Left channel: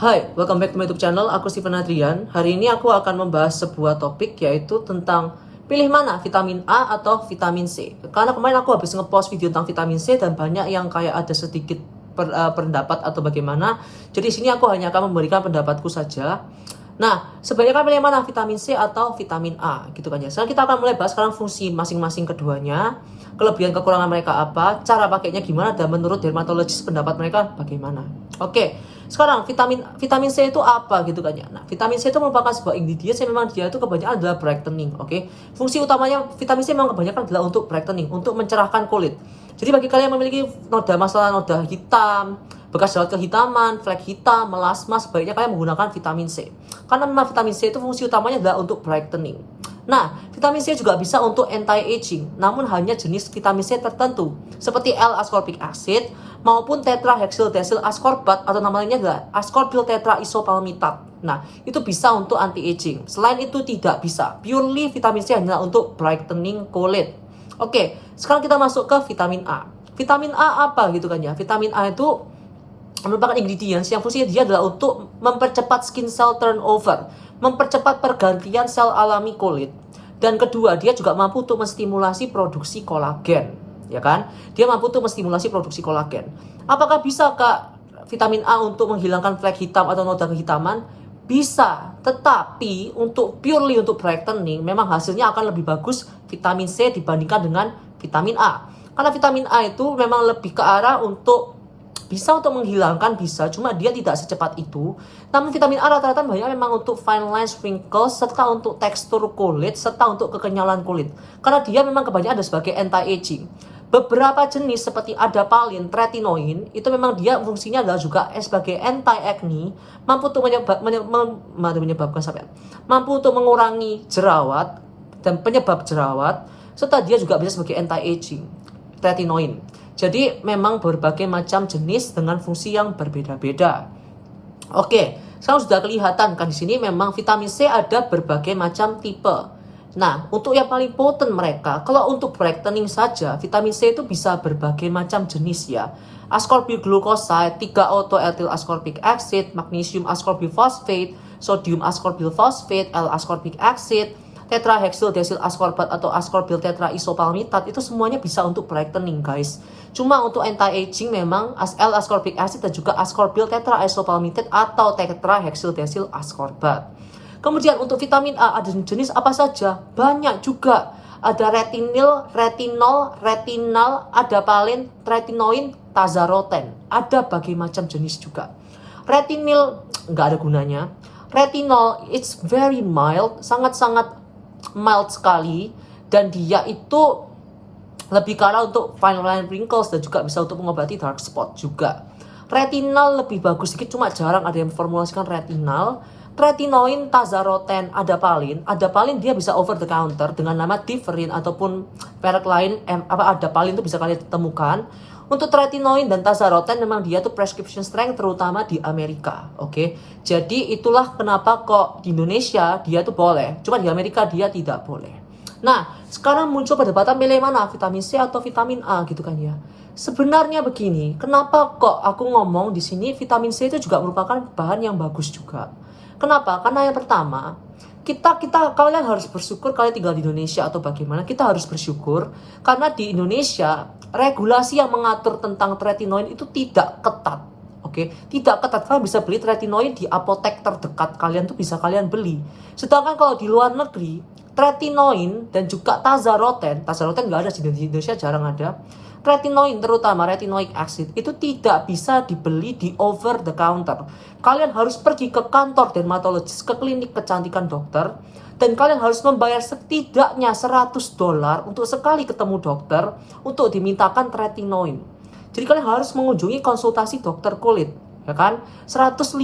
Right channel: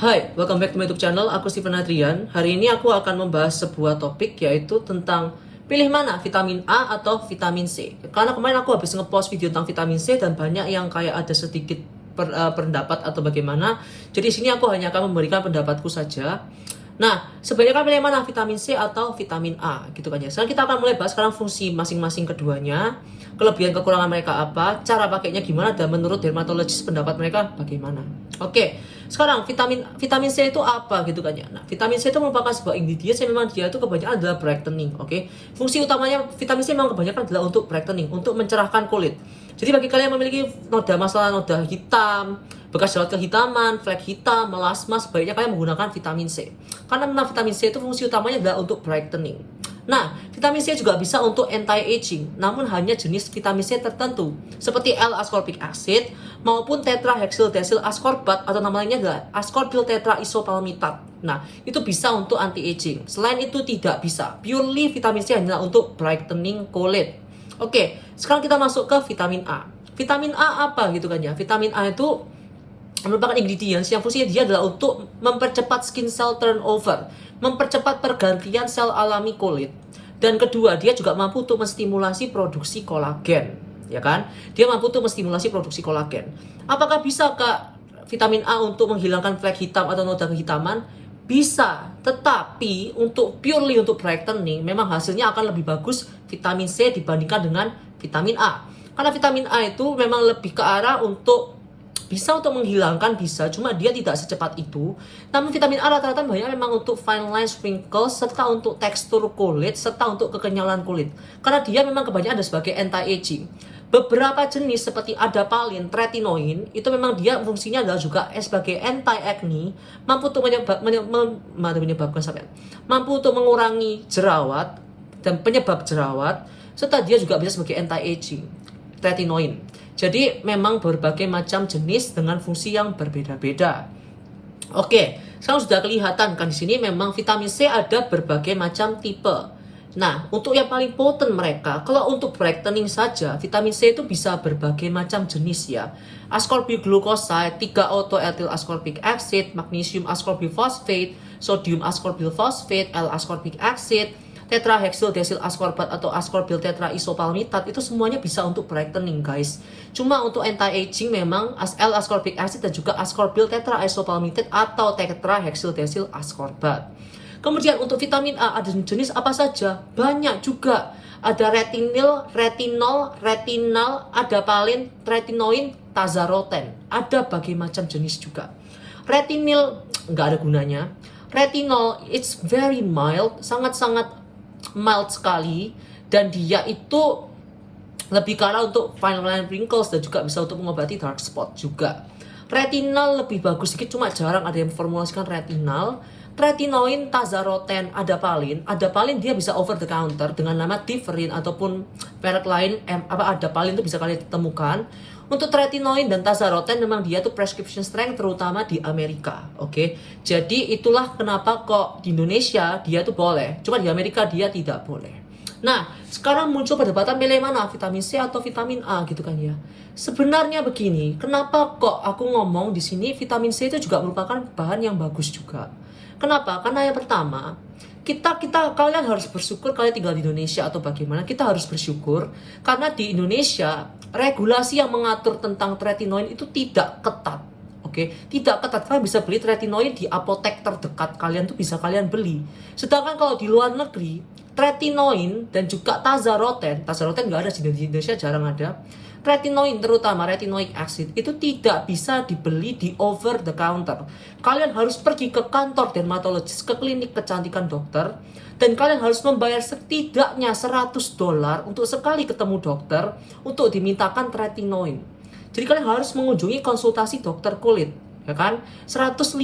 Hai, welcome back to my YouTube channel. Aku Steven Adrian. Hari ini aku akan membahas sebuah topik yaitu tentang pilih mana vitamin A atau vitamin C. Karena kemarin aku habis ngepost video tentang vitamin C dan banyak yang kayak ada sedikit pendapat atau bagaimana. Jadi di sini aku hanya akan memberikan pendapatku saja. Nah, sebaiknya kan pilih mana vitamin C atau vitamin A gitu kan ya. Sekarang kita akan mulai bahas sekarang fungsi masing-masing keduanya, kelebihan kekurangan mereka apa, cara pakainya gimana, dan menurut dermatologis pendapat mereka bagaimana. Oke, sekarang vitamin C itu apa gitu kan ya. Nah, vitamin C itu merupakan sebuah ingredient yang memang dia itu kebanyakan adalah brightening. Oke, fungsi utamanya vitamin C memang kebanyakan adalah untuk brightening, untuk mencerahkan kulit. Jadi bagi kalian yang memiliki masalah noda hitam, bekas jerawat kehitaman, flek hitam, melasma, sebaiknya kalian menggunakan vitamin C. Karena memang vitamin C itu fungsi utamanya adalah untuk brightening. Nah, vitamin C juga bisa untuk anti-aging, namun hanya jenis vitamin C tertentu, seperti L-ascorbic acid maupun tetrahexyldecyl ascorbat atau namanya adalah ascorbyl tetraisopalmitat. Nah, itu bisa untuk anti-aging. Selain itu tidak bisa. Purely vitamin C hanya untuk brightening kulit. Oke, sekarang kita masuk ke vitamin A. Vitamin A apa gitu kan ya? Vitamin A itu merupakan ingredients yang fungsinya dia adalah untuk mempercepat skin cell turnover, mempercepat pergantian sel alami kulit. Dan kedua, dia juga mampu untuk menstimulasi produksi kolagen, ya kan? Dia mampu untuk menstimulasi produksi kolagen. Apakah bisa Kak vitamin A untuk menghilangkan flek hitam atau noda kehitaman? Bisa, tetapi purely untuk brightening memang hasilnya akan lebih bagus vitamin C dibandingkan dengan vitamin A. Karena vitamin A itu memang lebih ke arah bisa untuk menghilangkan, bisa, cuma dia tidak secepat itu. Namun vitamin A rata-rata banyak memang untuk fine lines, wrinkles, serta untuk tekstur kulit, serta untuk kekenyalan kulit. Karena dia memang kebanyakan ada sebagai anti-aging. Beberapa jenis seperti adapalene, tretinoin, itu memang dia fungsinya adalah juga sebagai anti-acne, mampu untuk mampu untuk mengurangi jerawat dan penyebab jerawat, serta dia juga bisa sebagai anti-aging, tretinoin. Jadi memang berbagai macam jenis dengan fungsi yang berbeda-beda. Oke, sekarang sudah kelihatan kan di sini memang vitamin C ada berbagai macam tipe. Nah, untuk yang paling potent mereka, kalau untuk brightening saja, vitamin C itu bisa berbagai macam jenis ya. Ascorbyl glucoside, 3-auto-ethyl ascorbic acid, magnesium ascorbyl phosphate, sodium ascorbyl phosphate, L-ascorbic acid, tetrahexyldecyl ascorbat atau ascorbyl tetraisopalmitat, itu semuanya bisa untuk brightening guys. Cuma untuk anti-aging memang L-ascorbic acid dan juga ascorbyl tetraisopalmitat atau tetrahexyldecyl ascorbat. Kemudian untuk vitamin A ada jenis apa saja? Banyak juga. Ada retinol, adapalene, tretinoin, tazaroten. Ada berbagai macam jenis juga. Retinil nggak ada gunanya. Retinol it's very mild, sangat-sangat mild sekali, dan dia itu lebih ke arah untuk fine line wrinkles dan juga bisa untuk mengobati dark spot juga. Retinol lebih bagus sedikit, cuma jarang ada yang formulasikan retinol. Tretinoin, tazaroten, adapalene dia bisa over the counter dengan nama Differin ataupun merek lain. Adapalene itu bisa kalian temukan. Untuk tretinoin dan tazaroten memang dia tuh prescription strength terutama di Amerika, oke? Jadi itulah kenapa kok di Indonesia dia tuh boleh, cuma di Amerika dia tidak boleh. Nah, sekarang muncul perdebatan pilih mana, vitamin C atau vitamin A gitu kan ya. Sebenarnya begini, kenapa kok aku ngomong di sini vitamin C itu juga merupakan bahan yang bagus juga. Kenapa? Karena yang pertama, kalian harus bersyukur kalian tinggal di Indonesia atau bagaimana. Kita harus bersyukur karena di Indonesia regulasi yang mengatur tentang tretinoin itu tidak ketat. Oke, tidak ketat. Kalian bisa beli tretinoin di apotek terdekat kalian tuh bisa kalian beli. Sedangkan kalau di luar negeri, tretinoin dan juga tazaroten nggak ada di Indonesia, jarang ada. Retinoin, terutama retinoic acid, itu tidak bisa dibeli di over the counter. Kalian harus pergi ke kantor dermatologis, ke klinik kecantikan dokter, dan kalian harus membayar setidaknya $100 untuk sekali ketemu dokter untuk dimintakan retinoin. Jadi kalian harus mengunjungi konsultasi dokter kulit, ya kan? $150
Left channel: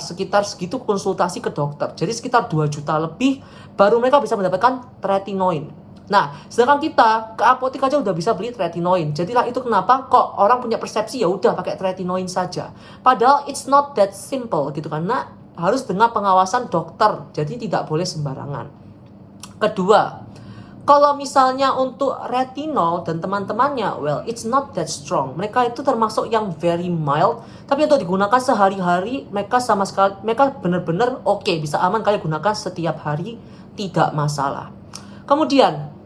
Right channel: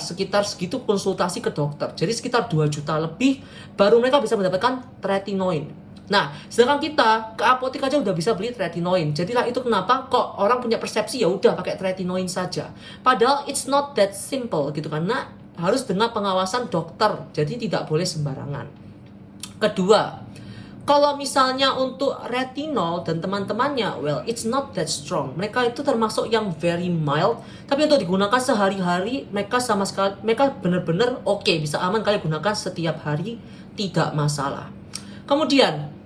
sekitar segitu konsultasi ke dokter. Jadi sekitar 2 juta lebih baru mereka bisa mendapatkan retinoin. Nah, sedangkan kita ke apotek aja udah bisa beli tretinoin. Jadilah itu kenapa kok orang punya persepsi ya udah pakai tretinoin saja. Padahal it's not that simple gitu, karena harus dengan pengawasan dokter. Jadi tidak boleh sembarangan. Kedua, Kalau misalnya untuk retinol dan teman-temannya, well, it's not that strong. Mereka itu termasuk yang very mild, tapi untuk digunakan sehari-hari, mereka sama sekali, mereka benar-benar oke, bisa aman kalian gunakan setiap hari, tidak masalah. Kemudian,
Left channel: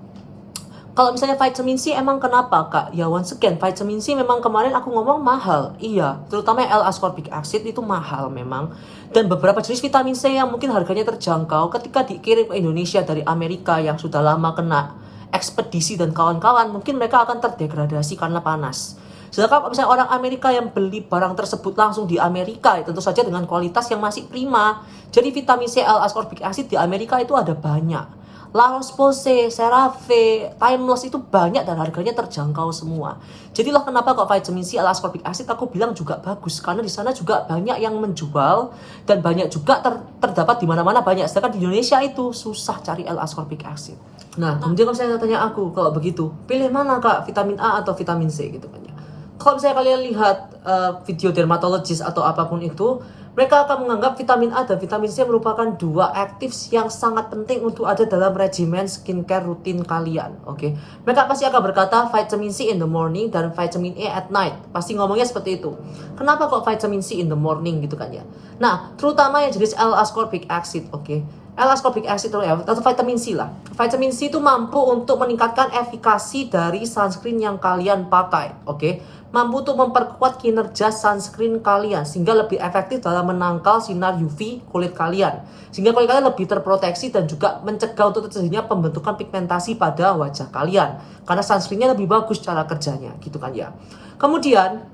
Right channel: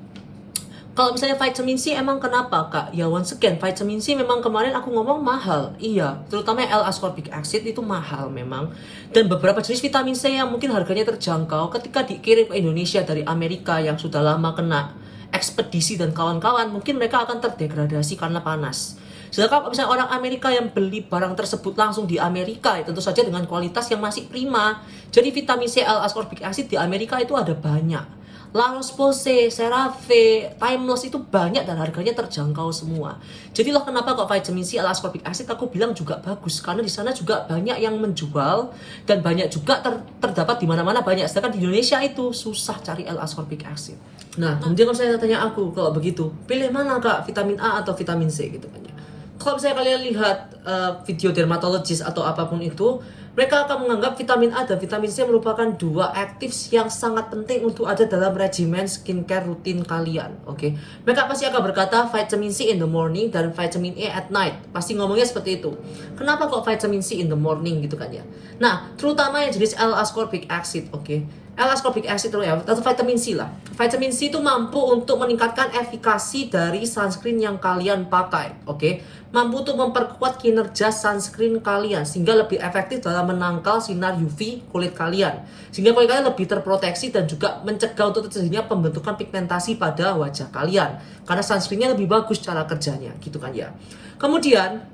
kalau misalnya vitamin C emang kenapa kak? Ya once again, vitamin C memang kemarin aku ngomong mahal. Iya, terutama L-ascorbic acid itu mahal memang. Dan beberapa jenis vitamin C yang mungkin harganya terjangkau ketika dikirim ke Indonesia dari Amerika yang sudah lama kena ekspedisi dan kawan-kawan, mungkin mereka akan terdegradasi karena panas. Sedangkan kalau misalnya orang Amerika yang beli barang tersebut langsung di Amerika, ya tentu saja dengan kualitas yang masih prima. Jadi vitamin C L-ascorbic acid di Amerika itu ada banyak. La Roche-Posay, CeraVe, Timeless itu banyak dan harganya terjangkau semua. Jadilah kenapa kok vitamin C L-ascorbic acid aku bilang juga bagus, karena di sana juga banyak yang menjual dan banyak juga terdapat di mana-mana banyak. Sedangkan di Indonesia itu susah cari L-ascorbic acid. Nah, kemudian kalau saya tanya aku kalau begitu, pilih mana kak, vitamin A atau vitamin C gitu kan ya. Kalau misalnya kalian lihat video dermatologis atau apapun itu, mereka akan menganggap vitamin A dan vitamin C merupakan dua aktif yang sangat penting untuk ada dalam regimen skincare rutin kalian. Oke, mereka pasti akan berkata vitamin C in the morning dan vitamin A at night. Pasti ngomongnya seperti itu. Kenapa kok vitamin C in the morning gitu kan ya? Nah, terutama yang jenis L-ascorbic acid, oke. L-ascorbic acid atau vitamin C lah. Vitamin C itu mampu untuk meningkatkan efikasi dari sunscreen yang kalian pakai, oke? Mampu untuk memperkuat kinerja sunscreen kalian sehingga lebih efektif dalam menangkal sinar UV kulit kalian. Sehingga kulit kalian lebih terproteksi dan juga mencegah untuk terjadinya pembentukan pigmentasi pada wajah kalian. Karena sunscreennya lebih bagus cara kerjanya, gitu kan ya. Kemudian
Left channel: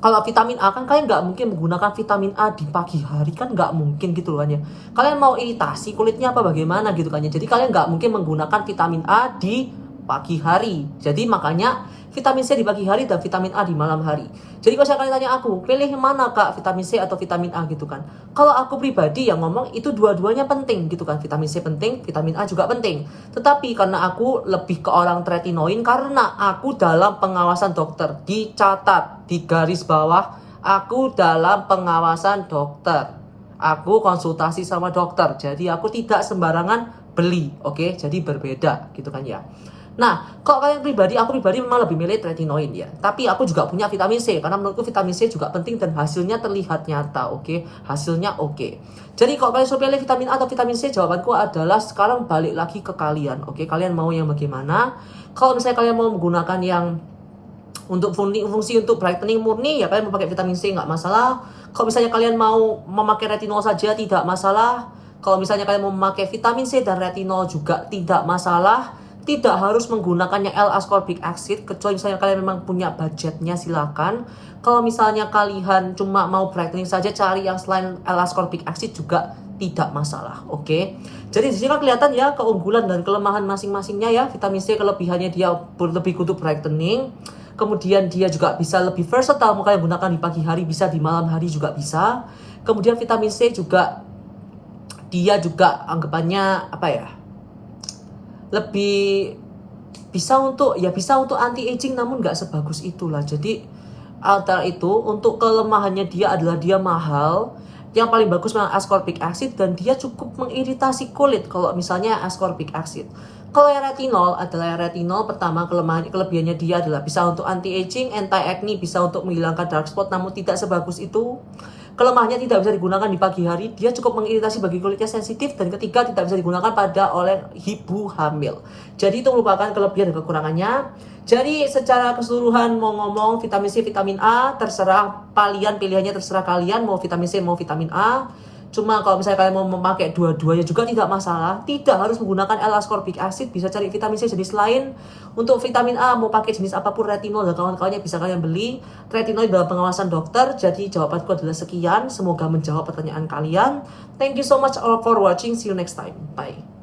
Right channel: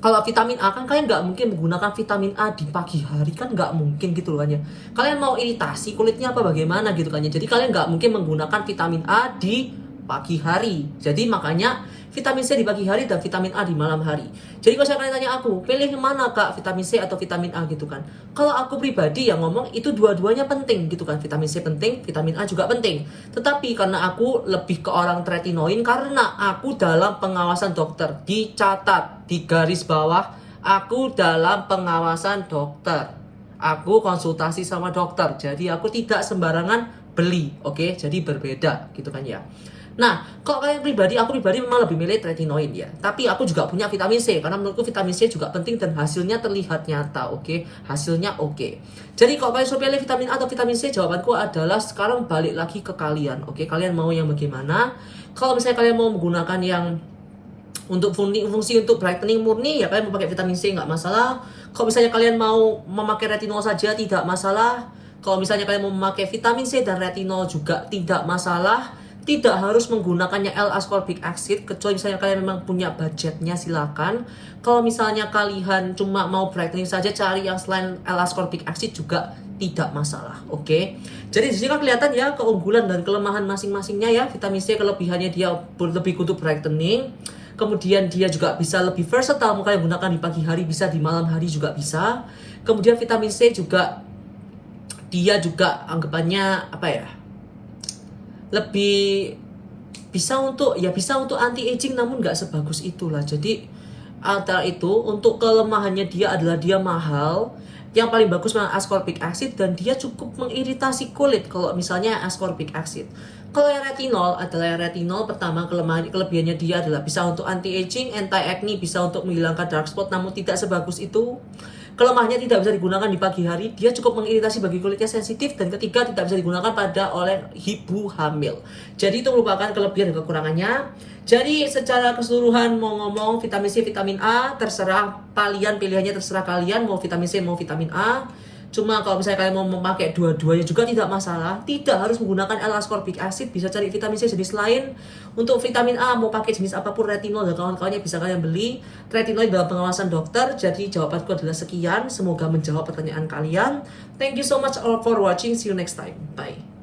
kalau vitamin A kan kalian nggak mungkin menggunakan vitamin A di pagi hari, kan nggak mungkin gitu loh kan ya. Kalian mau iritasi kulitnya apa bagaimana gitu kan ya. Jadi kalian nggak mungkin menggunakan vitamin A di pagi hari. Jadi makanya vitamin C di pagi hari dan vitamin A di malam hari. Jadi kalau kalian tanya aku, pilih mana kak, vitamin C atau vitamin A gitu kan. Kalau aku pribadi yang ngomong itu dua-duanya penting gitu kan. Vitamin C penting, vitamin A juga penting. Tetapi karena aku lebih ke orang tretinoin, karena aku dalam pengawasan dokter, dicatat di garis bawah, aku dalam pengawasan dokter. Aku konsultasi sama dokter. Jadi aku tidak sembarangan beli, oke? Jadi berbeda gitu kan ya. Nah, kalau kalian pribadi, aku pribadi memang lebih milih tretinoin ya. Tapi aku juga punya vitamin C, karena menurutku vitamin C juga penting dan hasilnya terlihat nyata, oke? Hasilnya oke. Jadi kalau kalian suruh pilih vitamin A atau vitamin C, jawabanku adalah sekarang balik lagi ke kalian, oke? Kalian mau yang bagaimana? Kalau misalnya kalian mau menggunakan yang untuk fungsi untuk brightening murni, ya kalian mau pakai vitamin C nggak masalah. Kalau misalnya kalian mau memakai retinol saja, tidak masalah. Kalau misalnya kalian mau memakai vitamin C dan retinol juga tidak masalah. Tidak harus menggunakannya L-ascorbic acid, kecuali misalnya kalian memang punya budgetnya, silakan. Kalau misalnya kalian cuma mau brightening saja, cari yang selain L-ascorbic acid juga tidak masalah, oke? Jadi di sini kan kelihatan ya keunggulan dan kelemahan masing-masingnya ya. Vitamin C kelebihannya dia lebih untuk brightening. Kemudian dia juga bisa lebih versatile, mau kalian gunakan di pagi hari bisa, di malam hari juga bisa. Kemudian vitamin C juga dia juga anggapannya apa ya? Lebih bisa untuk anti aging, namun nggak sebagus itulah. Jadi antara itu, untuk kelemahannya dia adalah dia mahal. Yang paling bagus memang ascorbic acid dan dia cukup mengiritasi kulit kalau misalnya ascorbic acid. Kalau yang retinol pertama kelebihannya dia adalah bisa untuk anti aging, anti acne, bisa untuk menghilangkan dark spot, namun tidak sebagus itu. Kelemahannya tidak bisa digunakan di pagi hari, dia cukup mengiritasi bagi kulitnya sensitif, dan ketiga tidak bisa digunakan oleh ibu hamil. Jadi itu merupakan kelebihan dan kekurangannya. Jadi secara keseluruhan mau ngomong vitamin C, vitamin A, terserah kalian, pilihannya terserah kalian mau vitamin C mau vitamin A. Cuma kalau misalnya kalian mau memakai dua-duanya juga tidak masalah. Tidak harus menggunakan L-ascorbic acid, bisa cari vitamin C jenis lain. Untuk vitamin A mau pakai jenis apapun, retinol dan kawan-kawannya bisa kalian beli. Retinol dalam pengawasan dokter. Jadi jawabanku adalah sekian. Semoga menjawab pertanyaan kalian. Thank you so much all for watching. See you next time. Bye.